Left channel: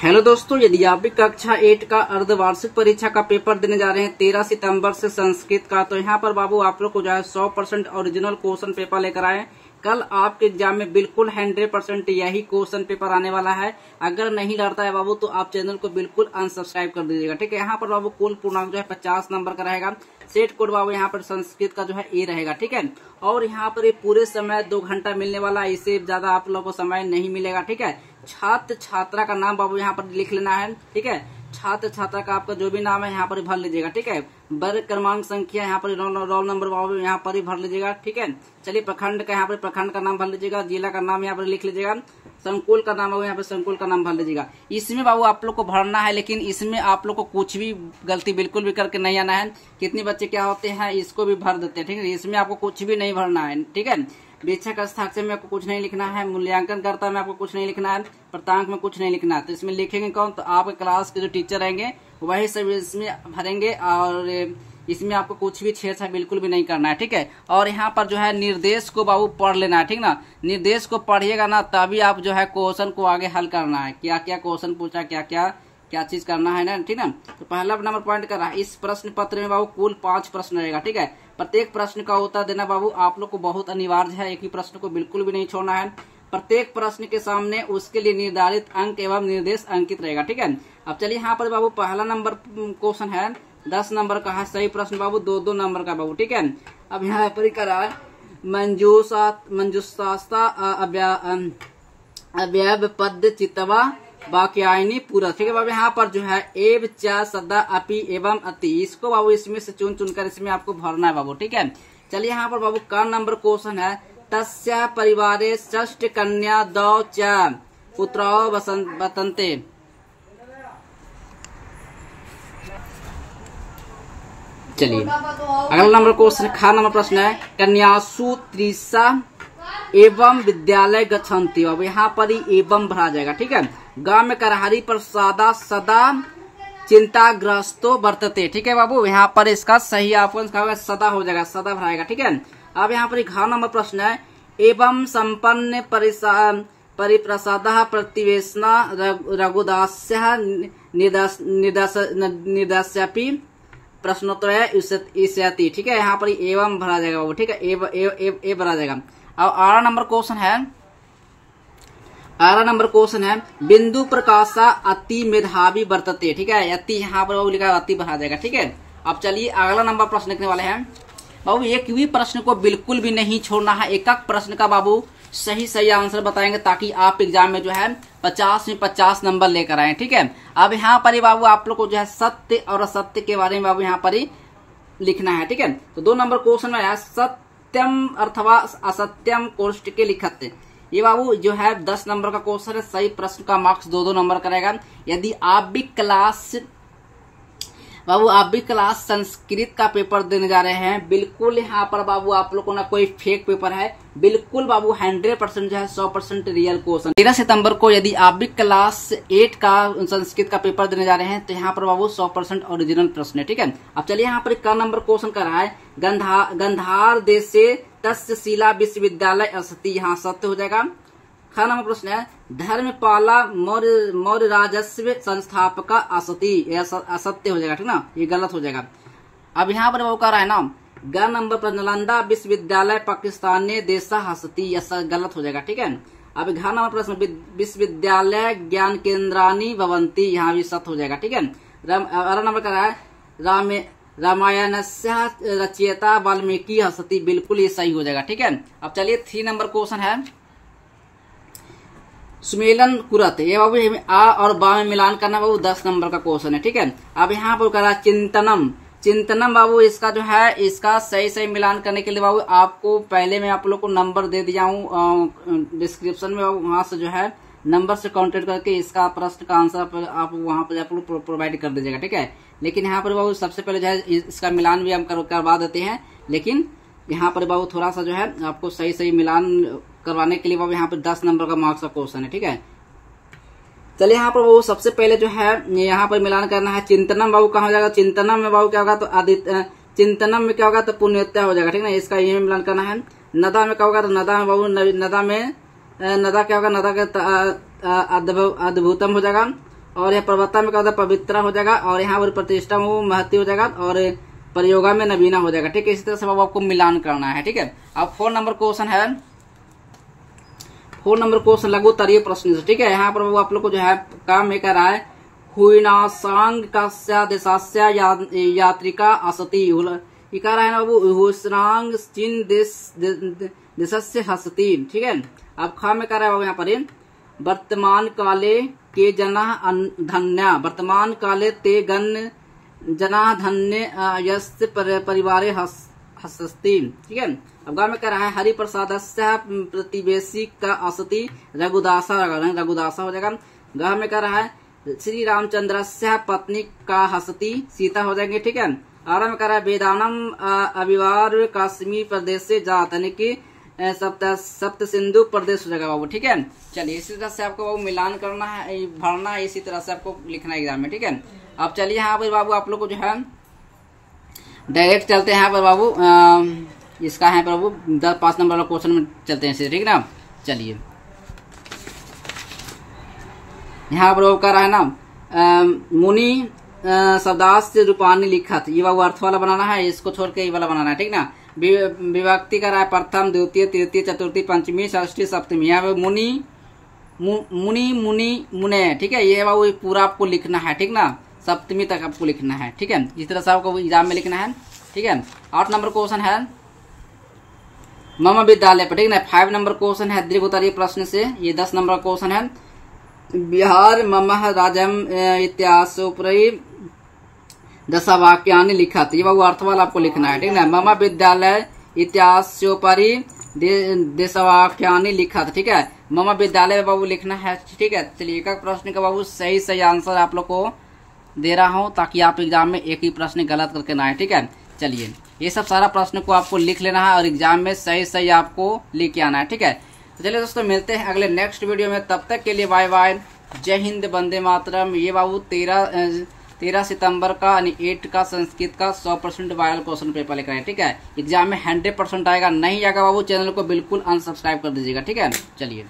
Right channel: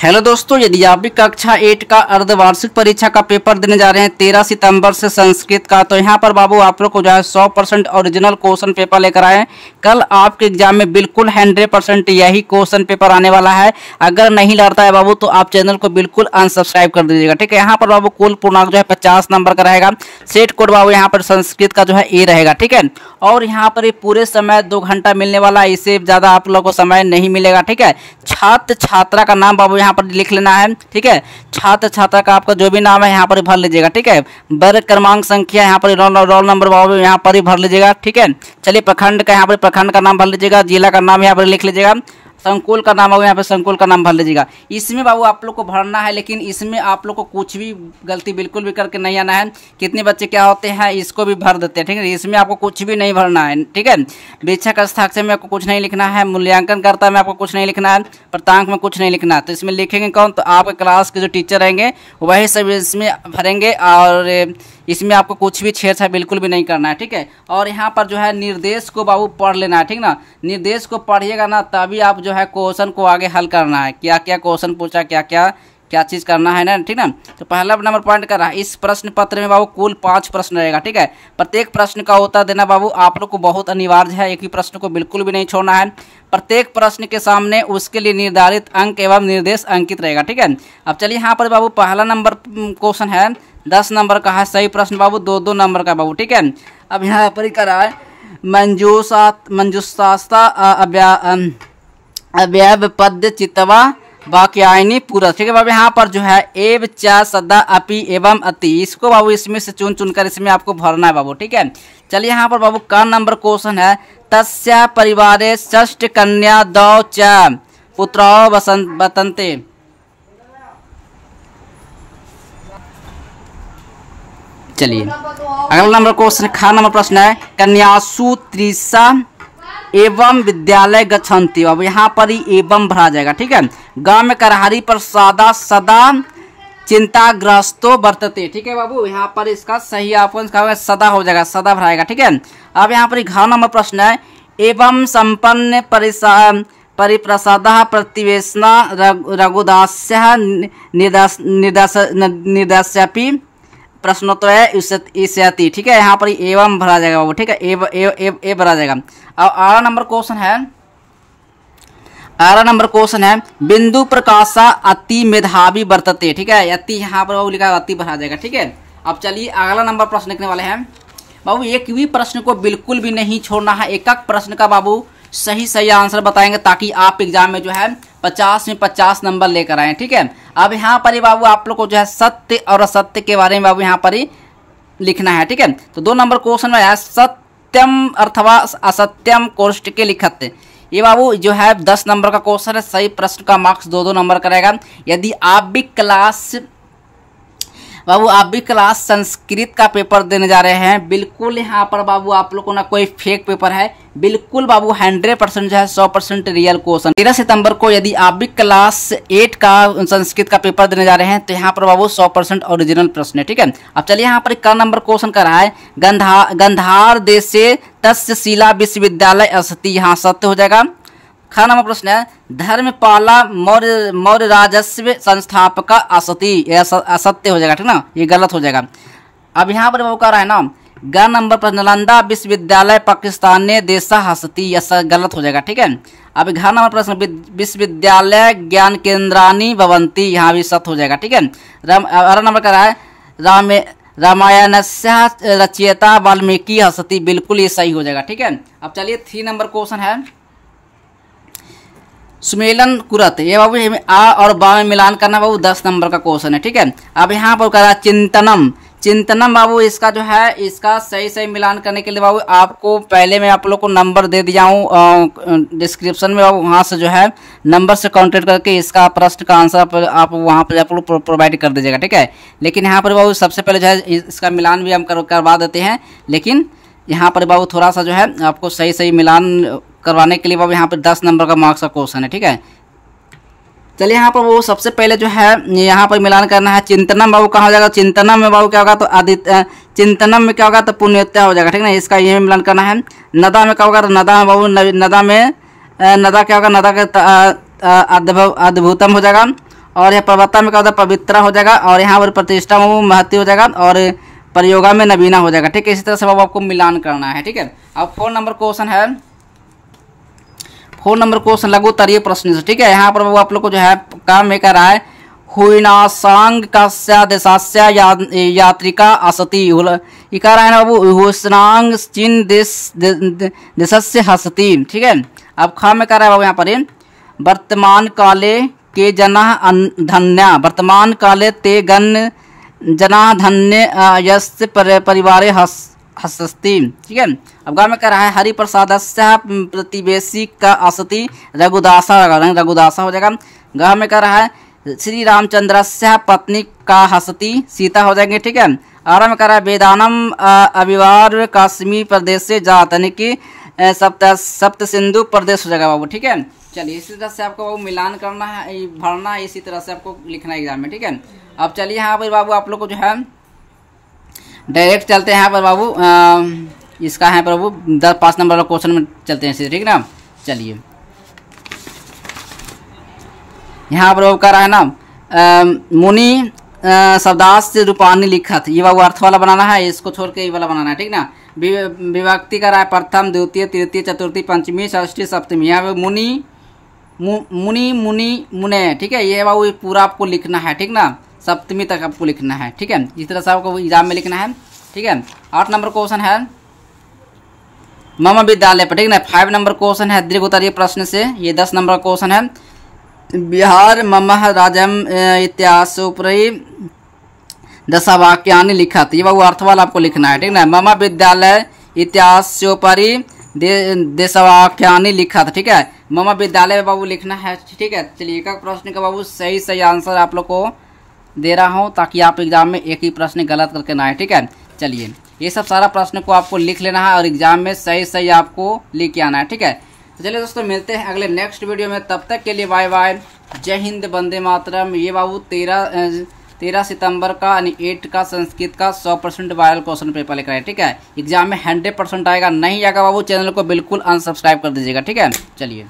Hello दोस्तों, यदि आप भी कक्षा 8 का अर्धवार्षिक परीक्षा का पेपर देने जा रहे हैं 13 सितंबर से संस्कृत का, तो यहाँ पर बाबू आप लोग को जो है 100% ओरिजिनल क्वेश्चन पेपर लेकर आए हैं। कल आपके एग्जाम में बिल्कुल 100% यही क्वेश्चन पेपर आने वाला है। अगर नहीं लड़ता है बाबू तो आप चैनल को बिल्कुल अनसब्सक्राइब कर दीजिएगा, ठीक है। यहाँ पर बाबू कुल पूर्णांक जो है 50 नंबर का रहेगा। सेट कोड बाबू यहाँ पर संस्कृत का जो है ए रहेगा, ठीक है। और यहाँ पर ये पूरे समय 2 घंटा मिलने वाला है, इससे ज़्यादा आप लोग को समय नहीं मिलेगा, ठीक है। छात्र छात्रा का नाम बाबू यहाँ पर लिख लेना है, ठीक है। छात्र छात्रा का आपका जो भी नाम है यहाँ पर भर लीजिएगा, ठीक है। वर्ग क्रमांक संख्या यहाँ पर रोल नंबर बाबू यहाँ पर ही भर लीजिएगा, ठीक है। चलिए प्रखंड का यहाँ पर प्रखंड का नाम भर लीजिएगा, जिला का नाम यहाँ पर लिख लीजिएगा, संकुल का नाम होगा यहाँ पे संकुल का नाम भर लीजिएगा। इसमें बाबू आप लोग को भरना है, लेकिन इसमें आप लोग को कुछ भी गलती बिल्कुल भी करके नहीं आना है। कितने बच्चे क्या होते हैं इसको भी भर देते हैं, ठीक है। इसमें आपको कुछ भी नहीं भरना है, ठीक है। वीक्षक हस्ताक्षर में आपको कुछ नहीं लिखना है, मूल्यांकन करता में आपको कुछ नहीं लिखना है, प्रांतांक में कुछ नहीं लिखना है। तो इसमें लिखेंगे कौन? तो आपके क्लास के जो टीचर रहेंगे वही सब इसमें भरेंगे, और इसमें आपको कुछ भी छेड़छाड़ बिल्कुल भी नहीं करना है, ठीक है। और यहाँ पर जो है निर्देश को बाबू पढ़ लेना है, ठीक ना। निर्देश को पढ़िएगा ना, तभी आप जो है क्वेश्चन को आगे हल करना है। क्या क्या क्वेश्चन पूछा, क्या क्या चीज़ करना है ना, ठीक ना। तो पहला नंबर पॉइंट कर रहा है, इस प्रश्न पत्र में बाबू कुल 5 प्रश्न रहेगा, ठीक है। प्रत्येक प्रश्न का उत्तर देना बाबू आप लोग को बहुत अनिवार्य है। एक ही प्रश्न को बिल्कुल भी नहीं छोड़ना है। प्रत्येक प्रश्न के सामने उसके लिए निर्धारित अंक एवं निर्देश अंकित रहेगा, ठीक है। अब चलिए यहाँ पर बाबू पहला नंबर क्वेश्चन है 10 नंबर का है। सही प्रश्न बाबू 2-2 नंबर का बाबू, ठीक है। अब यहाँ पर ही करा है मंजूषास्ता अव्यय पद्य चितवा वाक्यायनी पूरा, ठीक है बाबू। यहाँ पर जो है एव चा सदा अपि एवं अति, इसको बाबू इसमें से चुन चुनकर इसमें आपको भरना है बाबू, ठीक है। चलिए यहाँ पर बाबू का नंबर क्वेश्चन है तस्या परिवारे षष्ठ कन्या दौ च पुत्रौ वतन्ते। चलिए अगला नंबर क्वेश्चन खा नंबर प्रश्न है कन्यासु त्रिशा एवं विद्यालय गच्छन्ति। अब यहाँ पर ही एवं भरा जाएगा, ठीक है। गांव में करहारी पर सदा चिंताग्रस्तो वर्तते, ठीक है बाबू। यहाँ पर इसका सही आपको सदा हो जाएगा, सदा भराएगा, ठीक है। अब यहाँ पर घ नंबर प्रश्न है एवं संपन्न परिप्रसाद प्रतिवेशना रघुदास्य निर्दास्यपि प्रश्नोत्तर इस्यति, ठीक है। यहाँ पर एवं भरा जाएगा बाबू, ठीक है। ए भरा जाएगा। और 8 नंबर क्वेश्चन है बिंदु प्रकाशा अति मेधावी वर्तते, ठीक है। अति यहाँ पर बाबू लिखा है, अति भरा जाएगा, ठीक है। अब चलिए अगला नंबर प्रश्न लिखने वाले हैं बाबू। एक भी प्रश्न को बिल्कुल भी नहीं छोड़ना है। एक प्रश्न का बाबू सही आंसर बताएंगे, ताकि आप एग्जाम में जो है 50 में 50 नंबर लेकर आए, ठीक है। अब यहाँ पर ही बाबू आप लोग को जो है सत्य और असत्य के बारे में बाबू यहाँ पर ही लिखना है, ठीक है। तो 2 नंबर क्वेश्चन में है सत्यम अथवा असत्यम कोष्ठ के लिखत। ये बाबू जो है 10 नंबर का क्वेश्चन है। सही प्रश्न का मार्क्स 2-2 नंबर का रहेगा। यदि आप भी क्लास संस्कृत का पेपर देने जा रहे हैं, बिल्कुल यहाँ पर बाबू आप लोग को ना कोई फेक पेपर है, बिल्कुल बाबू 100% जो है 100% रियल क्वेश्चन। 13 सितंबर को यदि आप भी क्लास 8 का संस्कृत का पेपर देने जा रहे हैं, तो यहाँ पर बाबू 100% ओरिजिनल प्रश्न है, ठीक है। अब चलिए यहाँ पर का नंबर क्वेश्चन कर रहा है गंधार देश से तस्य शिला विश्वविद्यालय अस्ति, यहाँ सत्य हो जाएगा। खा नंबर प्रश्न है धर्मपाला मौर्य राजस्व संस्थापक असति, असत्य हो जाएगा, ठीक ना। ये गलत हो जाएगा। अब यहाँ पर वो कह रहा है ना ग नंबर पर नालंदा विश्वविद्यालय पाकिस्तान ने देशा हस्ती, यह गलत हो जाएगा, ठीक है। अब घ नंबर प्रश्न विश्वविद्यालय ज्ञान केंद्रानी भवंती, यहाँ भी सत्य हो जाएगा, ठीक है। अगला नंबर कह रहा है रामायणस्य रचयिता वाल्मीकि हस्ती, बिल्कुल ये सही हो जाएगा, ठीक है। अब चलिए 3 नंबर क्वेश्चन है सुमेलन कुरत। ये बाबू आ और बा में मिलान करना बाबू 10 नंबर का क्वेश्चन है, ठीक है। अब यहाँ पर कह रहा है चिंतनम बाबू, इसका जो है इसका सही मिलान करने के लिए बाबू आपको पहले मैं आप लोग को नंबर दे दिया हूँ डिस्क्रिप्शन में बाबू, वहाँ से जो है नंबर से कांटेक्ट करके इसका प्रश्न का आंसर आप वहाँ पर आप लोग प्रोवाइड कर दीजिएगा, ठीक है। लेकिन यहाँ पर बाबू सबसे पहले जो है इसका मिलान भी हम करवा देते हैं, लेकिन यहाँ पर बाबू थोड़ा सा जो है आपको सही मिलान करवाने के लिए बाबू यहाँ पर 10 नंबर का मार्क्स का क्वेश्चन है, ठीक है। चलिए यहाँ पर वो सबसे पहले जो है यहाँ पर मिलान करना है। चिंतनम बाबू कहाँ हो जाएगा? चिंतनम में बाबू क्या होगा? तो आदित्य चिंतनम में क्या होगा? तो पुण्योत्या हो जाएगा, ठीक है। इसका ये मिलान करना है। नदा में क्या होगा? तो नदा में बाबू नदा में नदा क्या होगा? नदा का अद्भुतम हो जाएगा। और यह पर्वता में क्या होता है, पवित्रा हो जाएगा, और यहाँ पर प्रतिष्ठा में महत्व हो जाएगा, और प्रयोगा में नवीना हो जाएगा। ठीक है, इसी तरह से बाबू आपको मिलान करना है। ठीक है, अब 4 नंबर क्वेश्चन है, 4 नंबर क्वेश्चन लघु उत्तरीय प्रश्न से। ठीक है, यहाँ पर बाबू आप लोग को जो है काम ये कर रहा है, हुइनासांग कस्य देशस्य यात्रिका असति, ये कह रहा है ना बाबू, हुइनासांग चीन देशस्य हसति। ठीक है, अब खा में कह रहा है बाबू यहाँ पर, वर्तमान काले के जना धन्या, वर्तमान काले ते गण जना धन्य यस्य परिवारे हसति। ठीक है, अब गाँव में कह रहा है, हरिप्रसादस्य प्रतिवेशी का असति रघुदासा, रघुदासा हो जाएगा। गाँव में कह रहा है, श्री रामचंद्रस्य पत्नी का हसति, सीता हो जाएंगे। ठीक है, आरा में कह रहा है, वेदानम अविवार काश्मीर प्रदेश से जात, यानी कि सप्त सिंधु प्रदेश हो जाएगा बाबू। ठीक है, चलिए इसी तरह से आपको बाबू मिलान करना है, भरना है, इसी तरह से आपको लिखना है एग्जाम में। ठीक है, अब चलिए यहाँ पर बाबू आप लोग को जो है डायरेक्ट चलते हैं यहाँ पर बाबू, इसका है बाबू 5 नंबर वाला क्वेश्चन में चलते हैं सीधे। ठीक है ना, चलिए यहाँ पर कह रहा है ना, मुनि शब्दास रूपानी लिखत, ये बाबू अर्थ वाला बनाना है, इसको छोड़ के ये वाला बनाना है। ठीक ना, विभक्ति कर रहा है, प्रथम द्वितीय तृतीय चतुर्थी पंचमी षष्ठी सप्तमी, यहाँ पे मुनि मुनि मुनि मुने। ठीक है, ये बाबू पूरा आपको लिखना है। ठीक ना, सप्तमी तक आपको लिखना है। ठीक है, इस तरह से आपको एग्जाम में लिखना है। ठीक है, 8 नंबर क्वेश्चन है मम विद्यालय पर। ठीक ना, 5 नंबर क्वेश्चन है दीर्घ उत्तरीय प्रश्न से, ये 10 नंबर क्वेश्चन है, बिहार मम राजम इत्यासोपरि दशवाक्यानि लिखत, ये बाबू अर्थ वाला आपको लिखना है। ठीक ना, मम विद्यालय इतिहासोपरि देशवाक्यानि लिखत। ठीक है, मम विद्यालय में बाबू लिखना है। ठीक है, चलिए एक प्रश्न का बाबू सही आंसर आप लोग को दे रहा हूं, ताकि आप एग्जाम में एक ही प्रश्न गलत करके ना आए। ठीक है, चलिए ये सब सारा प्रश्न को आपको लिख लेना है और एग्जाम में सही आपको लेके आना है। ठीक है, तो चलिए दोस्तों मिलते हैं अगले नेक्स्ट वीडियो में, तब तक के लिए बाय बाय, जय हिंद, वंदे मातरम। ये बाबू 13 सितंबर का यानी 8 का संस्कृत का 100% वायरल क्वेश्चन पेपर लेकर आए। ठीक है, एग्जाम में 100% आएगा, नहीं आएगा बाबू चैनल को बिल्कुल अनसब्सक्राइब कर दीजिएगा। ठीक है, चलिए।